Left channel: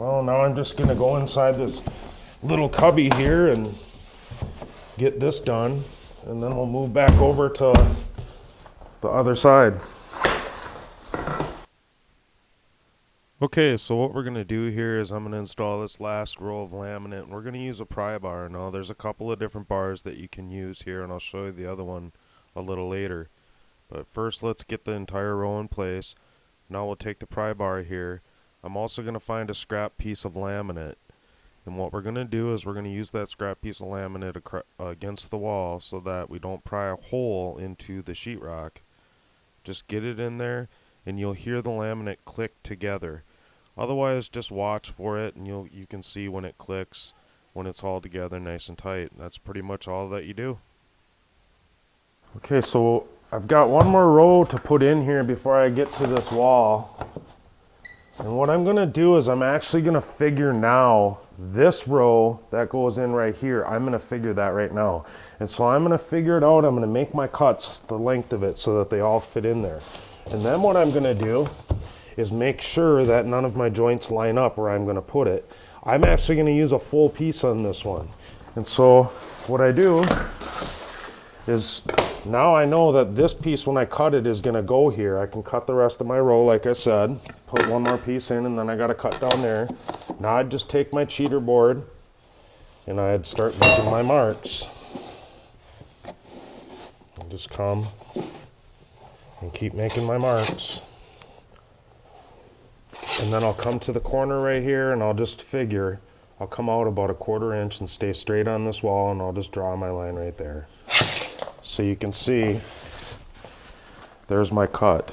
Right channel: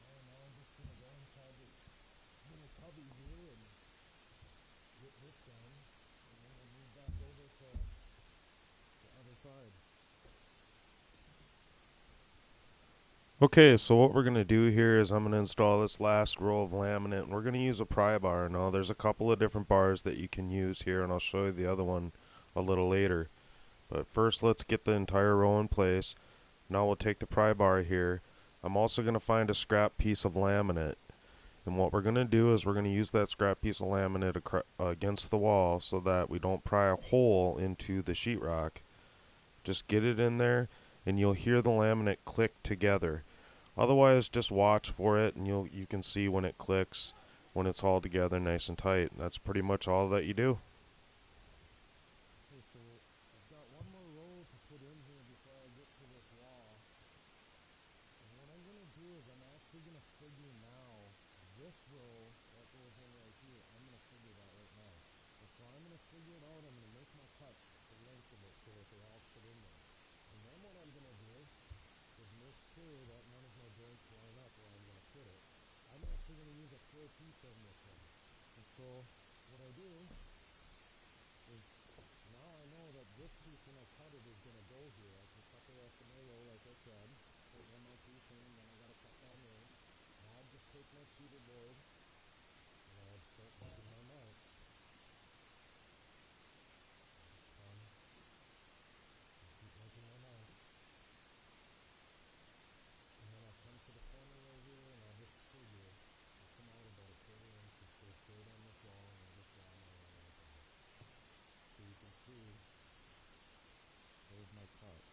Well, now I'm just gonna go inside this little cubby here and get this done, and then we'll move back over to the other side. Okay, so what we're going to do here is I'm going to install this last row of laminate, and we're going to use a pry bar. Now, there's a couple of different bars that you can use here, and I'll show you the other one a little later. But first, let's get the entire row in place. Now we'll take the pry bar here. I'm also going to find a scrap piece of laminate. And what we're going to do is we're going to use that scrap piece of laminate against the wall so that we don't pry a hole into the sheetrock. Just get it in there, and you'll hear the laminate click together. Otherwise, just watch for it, and you can see when it clicks, when it's all together nice and tight. That's pretty much all that you do. Okay, so I've got one more row to put in here before I get to this wall. And what I'm going to do is I'm actually going to figure now this row that goes in right here. I'm going to figure that right now. And so I'm going to figure it out. I'm going to make my cuts the length of it so that they all fit in there. And then what I'm going to do is make sure that none of my joints line up where I'm going to put it. I'm actually going to use a full piece on this one. And so what I do is now I know that this piece, when I cut it, is going to go here. I can cut the rest of my row, like I said, put one more piece in, and then I got to cut down there. Now I'd just take my cheater board and I'd start making my marks. I'll just come and keep making my marks. And then I'll come to the corner right here, and I'll just figure, I'll come out about 1/4 inch and stay straight on this wall, and I'll just draw my line right there. So you can see, there's my cut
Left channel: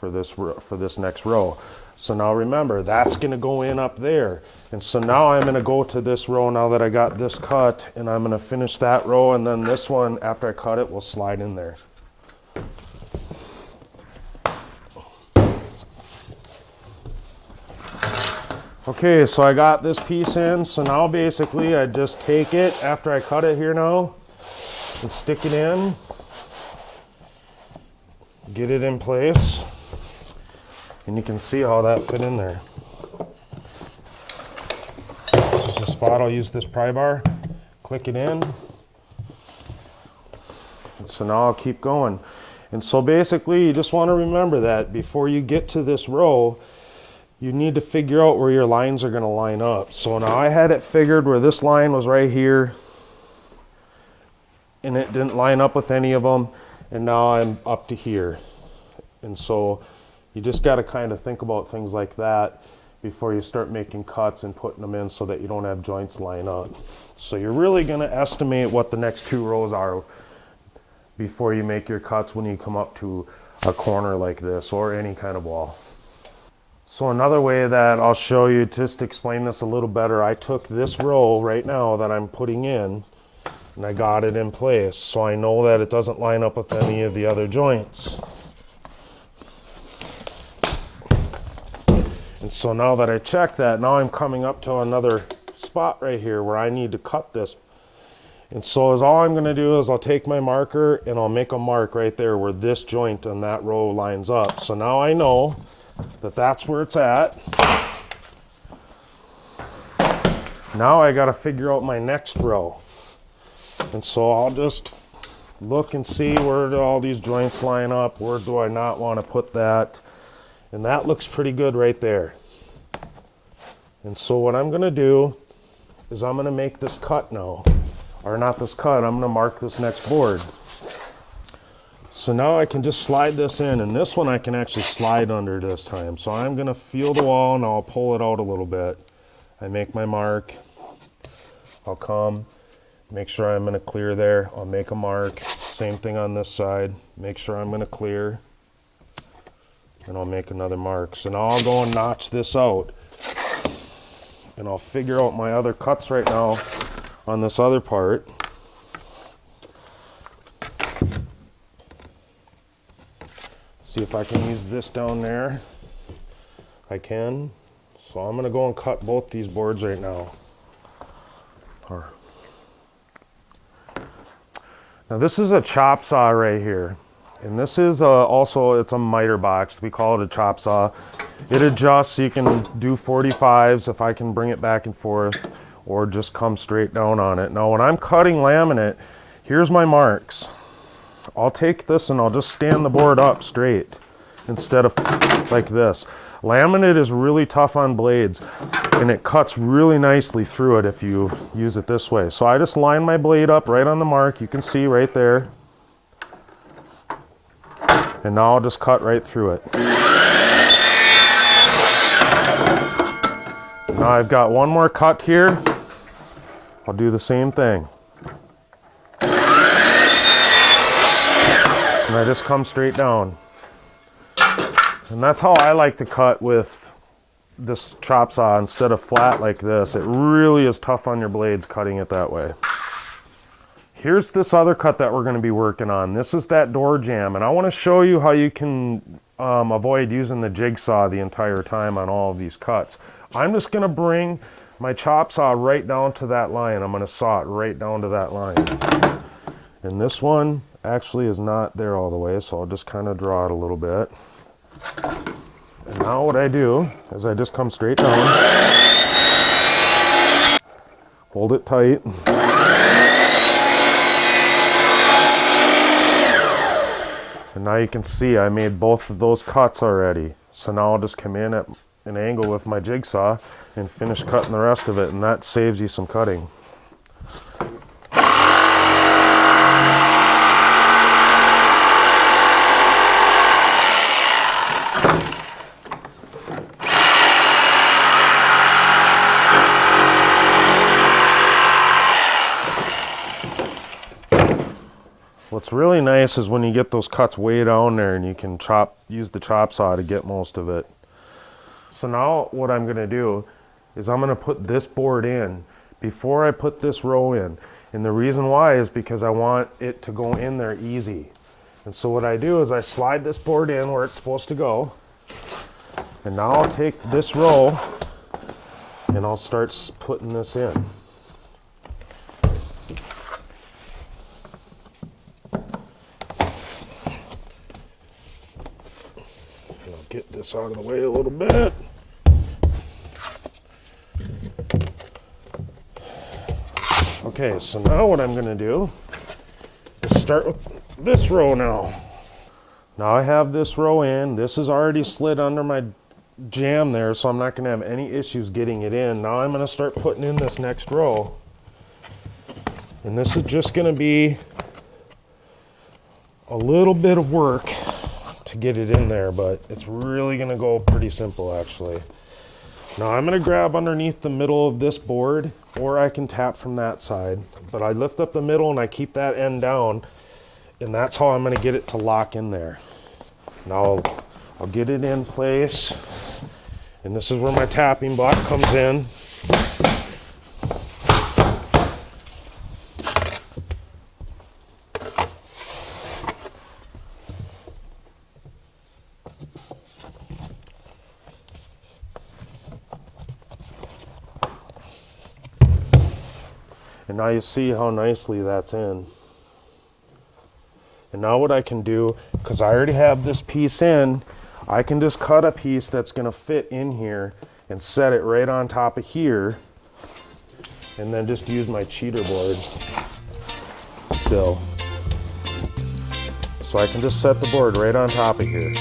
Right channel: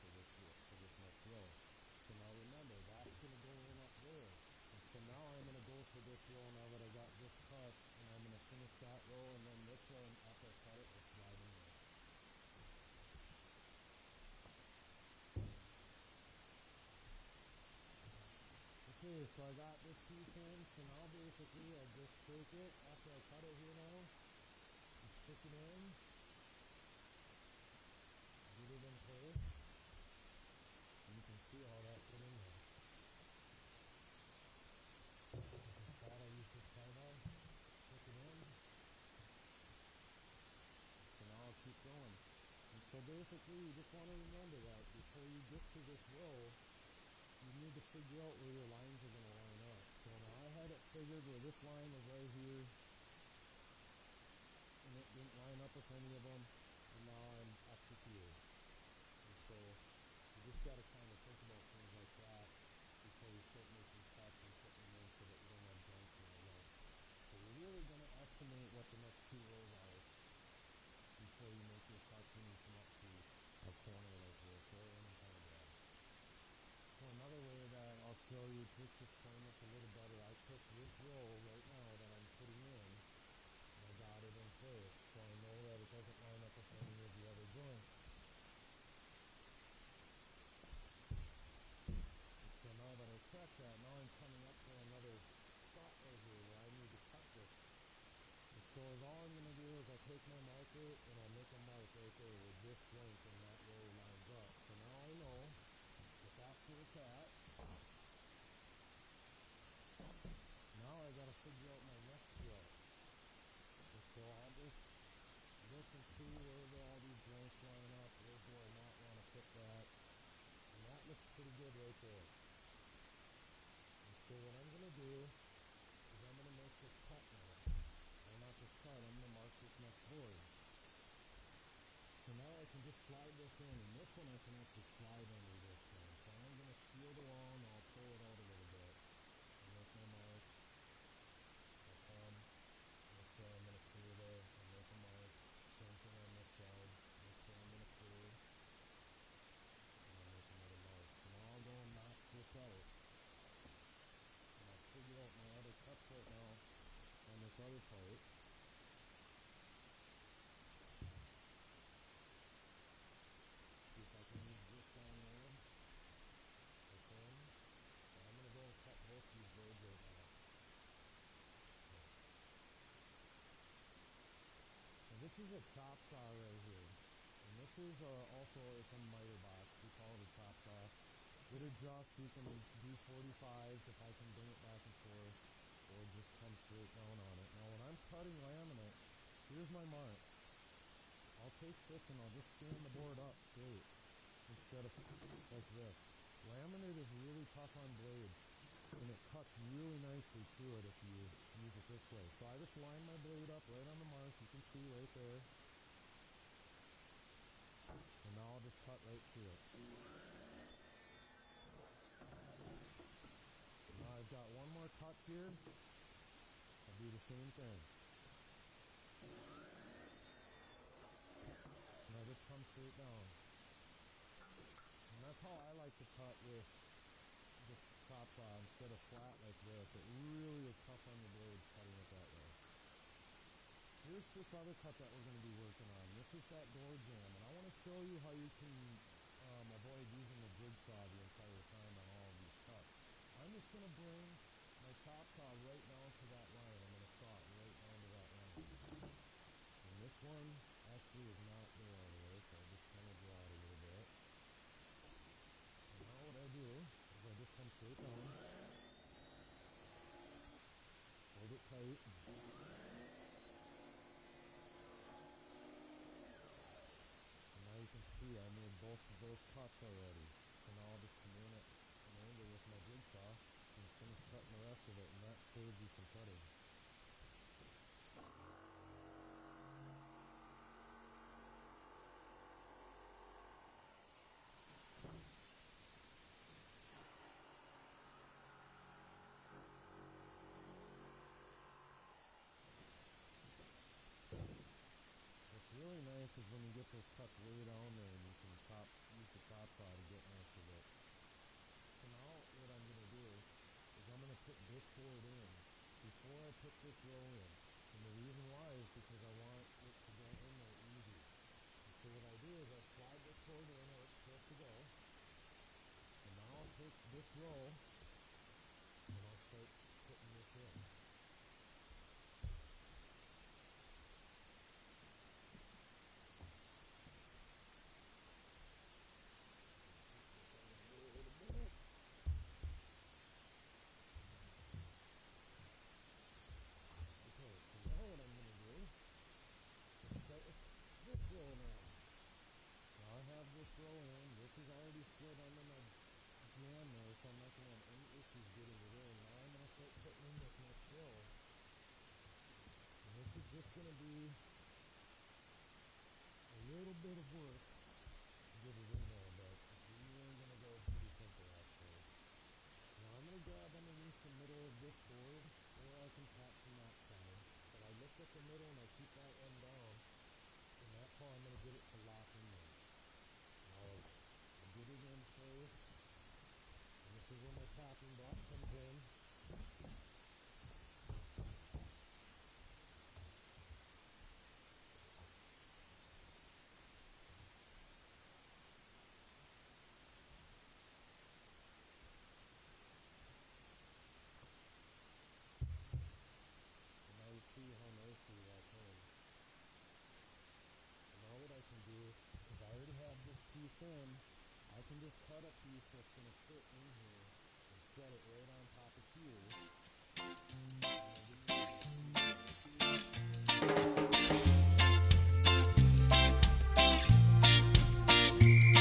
for this next row. So now remember, that's going to go in up there. And so now I'm going to go to this row now that I got this cut, and I'm going to finish that row, and then this one, after I cut it, will slide in there. Okay, so I got this piece in, so now basically I just take it after I cut it here now and stick it in, get it in place, and you can see how that fit in there. This is the spot I'll use this pry bar, click it in, and so now I'll keep going. And so basically you just want to remember that before you get to this row, you need to figure out where your lines are going to line up. So now I had it figured where this line was right here, and it didn't line up with any of them, and now I'm up to here. And so you just got to kind of think about things like that before you start making cuts and putting them in so that you don't have joints line up. So you're really going to estimate what the next 2 rows are before you make your cuts when you come up to a corner like this or any kind of wall. So another way that I'll show you, just to explain this a little better, I took this row right now that I'm putting in and I got it in place so I know that it doesn't line up with any of the other joints. And so now that I check that, now I'm coming up to another spot right here where I need to cut this. And so all I'm going to do is I'll take my marker and I'll make a mark right there where this joint on that row lines up. So now I know that that's where it's at. Now I got to figure out my next row. And so I'll just look and see where do all these joints line up, where do I not want to put that. And that looks pretty good right there. And so what I'm going to do is I'm going to make this cut now. Or not this cut, I'm going to mark this next board. So now I can just slide this in, and this one I can actually slide under this time. So I'm going to feel the wall and I'll pull it out a little bit. I make my mark. I'll come, make sure I'm going to clear there. I'll make a mark. Same thing on this side. Make sure I'm going to clear. And I'll make another mark. So now I'll go and notch this out. And I'll figure out my other cuts right now on this other part. See if I can use this down there. I can. So I'm going to go and cut both these boards right now. Now this is a chop saw right here. And this is also, it's a miter box. We call it a chop saw. It adjusts, so you can do 45s if I can bring it back and forth, or just come straight down on it. Now when I'm cutting laminate, here's my marks. I'll take this and I'll just stand the board up straight instead of like this. Laminate is really tough on blades, and it cuts really nicely through it if you use it this way. So I just line my blade up right on the mark. You can see right there. And now I'll just cut right through it. Now I've got one more cut here. I'll do the same thing. And I just come straight down. And that's how I like to cut with this chop saw instead of flat like this. It really is tough on your blades cutting it that way. Here's this other cut that we're going to be working on. This is that door jamb, and I want to show you how you can avoid using the jigsaw the entire time on all of these cuts. I'm just going to bring my chop saw right down to that line. I'm going to saw it right down to that line. And this one actually is not there all the way, so I'll just kind of draw it a little bit. And now what I do is I just come straight down, hold it tight. And now you can see I made both of those cuts already. So now I'll just come in at an angle with my jigsaw and finish cutting the rest of it, and that saves you some cutting. What's really nice is when you get those cuts way down there and you can use the chop saw to get most of it. So now what I'm going to do is I'm going to put this board in before I put this row in. And the reason why is because I want it to go in there easy. And so what I do is I slide this board in where it's supposed to go. And now I'll take this row and I'll start putting this in. Get this out of the way a little bit. Okay, so now what I'm going to do is start with this row now. Now I have this row in. This is already slid under my jamb there, so I'm not going to have any issues getting it in. Now I'm going to start putting in this next row. And this is just going to be a little bit of work to get it in there, but it's really going to go pretty simple actually. Now I'm going to grab underneath the middle of this board, or I can tap from that side, but I lift up the middle and I keep that end down, and that's how I'm going to get it to lock in there. Now I'll get it in place, and this is where my tapping block comes in. And now you see how nicely that's in. And now what I can do, because I already have this piece in, I can just cut a piece that's going to fit in here and set it right on top of here, and then just use my cheater board still. So I can just set the board right on top of here.